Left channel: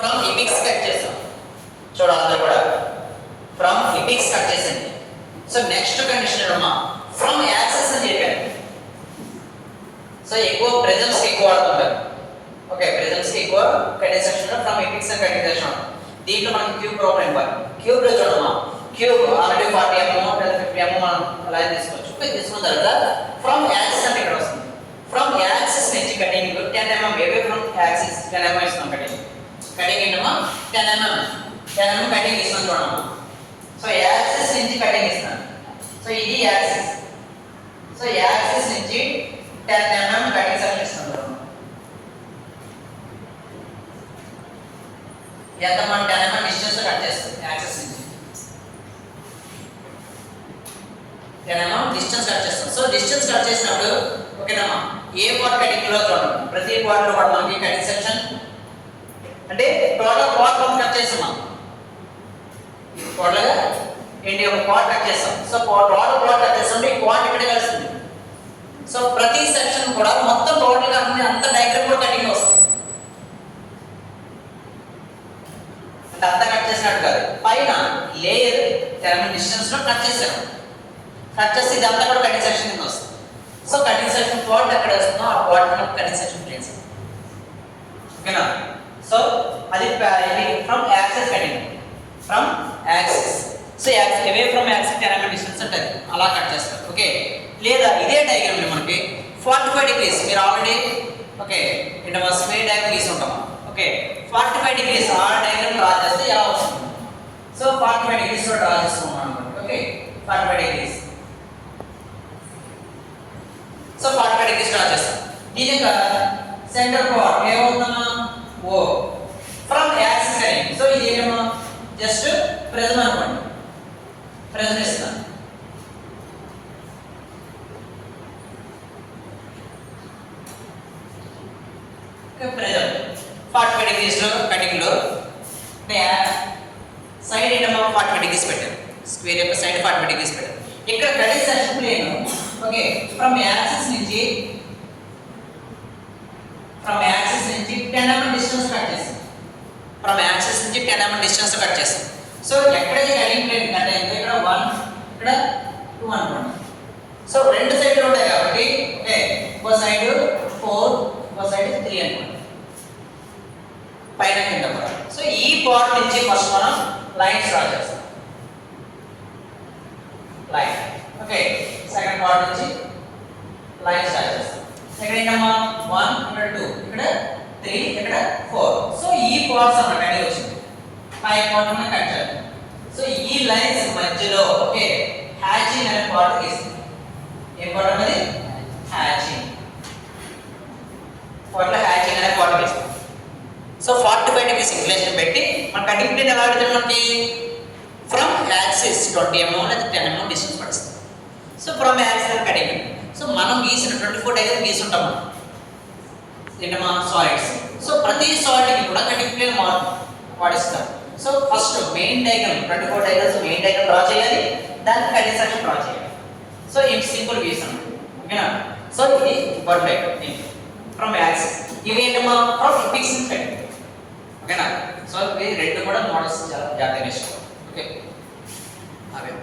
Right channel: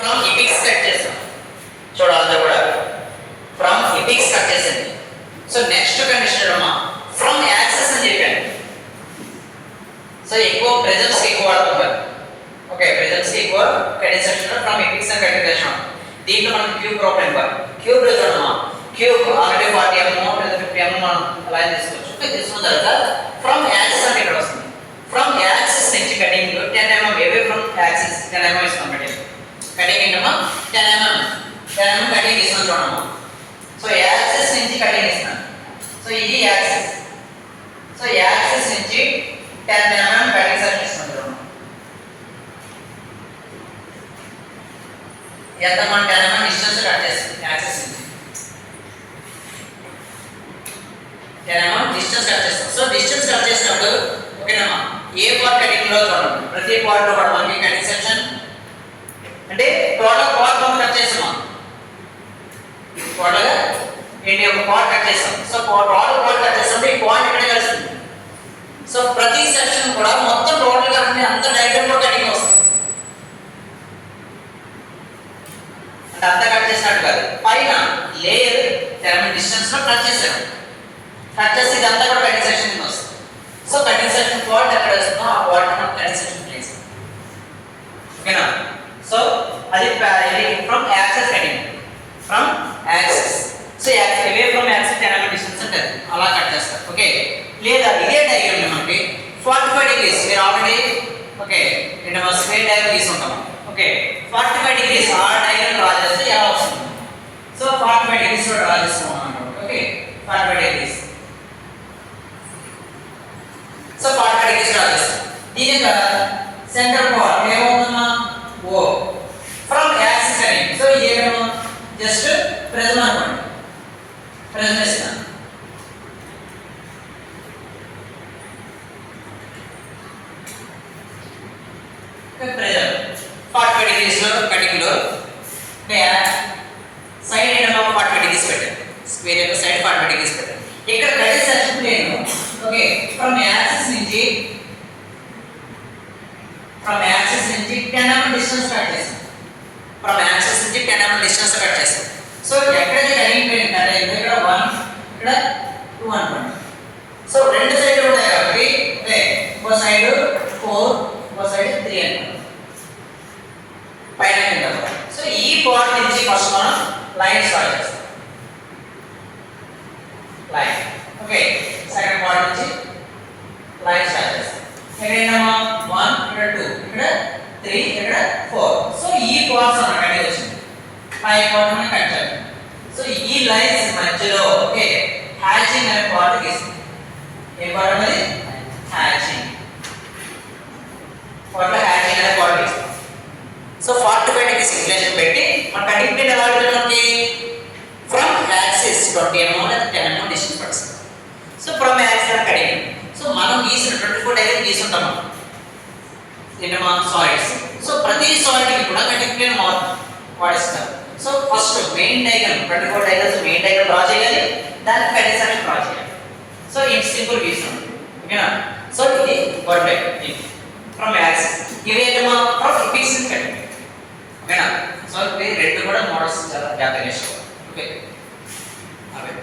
from epics cut చేస్తాం చూడాలి కూడా ఫ్రమ్ ఎపిక్స్ కట్ చేసింది సో నెక్స్ట్ కండిషన్ అమ్మా ఫ్రమ్ యాక్సెస్ అని చెప్పాను సో ఎక్కువ ప్రెజెన్స్ ఎక్కువ వాడుతుంటారు ఓకే ప్రెజెన్స్ ఎక్కువ కటింగ్ సెక్షన్ లో ఫ్రమ్ ఎపిక్స్ అని కటింగ్ సెక్షన్ దీంట్లో మనకి క్యూబ్ ప్రాబ్లం ఇవ్వాలి క్యూబ్ లో చూడమ్మా క్యూబ్ ఆల్రెడీ 40 mm లేదా 50 mm మనం అలా తీసుకోవచ్చు ఓకే తీసుకున్న తర్వాత ఫ్రమ్ యాక్సెస్ అంటే ఇక్కడ వస్తుంది ఫ్రమ్ యాక్సెస్ నుంచి cutting 10 mm away from access 10 mm ఇస్తాం కటింగ్ ఏంటమ్మా 10 mm కటింగ్ ఇస్తాం చూడమ్మా సో యాక్సెస్ నుంచి కటింగ్ ఇస్తాను సో ఇది యాక్సెస్ సో యాక్సెస్ నుంచి 10 mm కటింగ్ సెక్షన్ ఇస్తాం చూడమ్మా ఎంత మనం 10 mm డిస్టెన్స్ కట్ చేస్తాం యాక్సెస్ నుంచి 10 mm డిస్టెన్స్ కట్ చేస్తాం సో డిస్టెన్స్ కట్ చేసినప్పుడు ఓకేనమ్మా ఏ పార్ట్ కటింగ్ లో చూడండి ప్రతి పార్ట్ లో కూడా మనకి కటింగ్ సెక్షన్ అంటే టోటల్ పార్ట్ మనం కట్ చేస్తాం టోటల్ గా ఏంటి ఒక పార్ట్ కట్ చేస్తాం సో టోటల్ పార్ట్ కట్ చేస్తాం ఈ పార్ట్ ఇక్కడ కలుస్తుంది సో ప్రతి సెక్షన్ కూడా మొత్తం టోటల్ గా అంత డయాగ్రామ్ కూడా కటింగ్ వస్తుంది అంటే అంతా కట్ చేసినట్టు కాదు పైన లేయర్ 10 mm డిస్టెన్స్ లో కట్ చేసాం కట్ చేస్తే ఇదంతా కూడా కటింగ్ సెక్షన్ కింద వస్తుంది సో కటింగ్ సెక్షన్ పార్ట్ ఎక్కడ వస్తుందో ఆ పార్ట్ మనం కటింగ్ సెక్షన్ ప్లేస్ ఓకేనా సో అది from access cutting from access so away from access 10 mm distance ఉంటుంది అలా కట్ చేస్తారు ఓకే లేదా ఇదే డయాగ్రామ్ మనకి 45 డిగ్రీస్ మీరు ఆల్రెడీ ఓకే ఇక్కడ మనం స్క్వేర్ డయాగ్రామ్ తీసుకుంటాం ఓకే 45 డిగ్రీస్ ఆ డయాగ్రామ్ డ్రా చేస్తే ఎలా వస్తుంది సో 45 డిగ్రీస్ లో డ్రా చేసుకున్నాం అన్నమాట okay 45 degrees so 45 degrees draw చేస్తాం ఇది కదా సెంటర్ పాయింట్ ఏమవుతుందా ఓ ఫ్రమ్ యాక్సిస్ అని సో ఇదేమో జస్ట్ ప్రిజం అనుకోండి ప్రిజం ఇస్తాను ప్రిజం 45 డిగ్రీస్ లో కటింగ్ లో సైడ్ ఏమో 45 డిగ్రీస్ పెట్టాను స్క్వేర్ యొక్క సైడ్ 45 డిగ్రీస్ పెట్టాను ఇక్కడ cutting section plane okay from axis నుంచి 10 mm డిస్టెన్స్ కట్ చేస్తాం ఫ్రమ్ యాక్సిస్ నుంచి 10 mm డిస్టెన్స్ కట్ చేస్తాం సో ఎక్కడైతే కటింగ్ ప్లేన్ కట్ అయిందో ఇక్కడ 1 ఇక్కడ 2 అనుకోండి సో రెండు సైడ్లు ఉంటాయి కాబట్టి ఓకే ఒక సైడ్ 4 ఒక సైడ్ 3 అనుకోండి పైన కింద సో ఈ పాయింట్ నుంచి ఫస్ట్ మనం లైన్స్ డ్రా చేస్తాం లైన్ ఓకే సెకండ్ పాయింట్ నుంచి లైన్స్ డ్రా చేస్తాం ఎక్కడైనా 1 ఇక్కడ 2 ఇక్కడ 3 ఇక్కడ 4 సో ఈ పాయింట్స్ అన్నమాట కటింగ్ వచ్చింది ఆ పాయింట్ మనం కట్ చేయాలి సో ఈ లైన్స్ మధ్యలో ఓకే హ్యాచింగ్ అనే పార్ట్ గీస్తాం ఏ పార్ట్ అనేది హ్యాచింగ్ పార్ట్ హ్యాచింగ్ అనే పార్ట్ గీస్తాం సో 45 డిగ్రీస్ ఇంక్లినేషన్ పెట్టి మన కటింగ్ ప్లేన్ ఎలా ఉంటుంది మనకి ఫ్రమ్ యాక్సిస్ 20 mm లేదా 10 mm డిస్టెన్స్ పడుతుంది so from axis cutting so మనం గీసిన 24 డయాగ్రామ్ గీసుంటాం మనం ఏంటమ్మా సాలిడ్స్ సో ప్రతి సాలిడ్ కి కూడా కటింగ్ ప్లేన్ వాడిస్తారు so first main diagram 24 diagrams main diagram draw చేయాలి దానికి కటింగ్ సెక్షన్ డ్రా చేయాలి సో ఇది సింపుల్ గీసాం ఓకేనా సో ఇది పర్ఫెక్ట్ ఫ్రమ్ యాక్సిస్ ఇది ఏంటమ్మా ఫ్రమ్ ఎపిక్స్ కటింగ్ ఓకేనా సో ఇది రెండు కూడా మోడల్స్ చాలా జాగ్రత్తగా నేర్చుకోవాలి ఓకే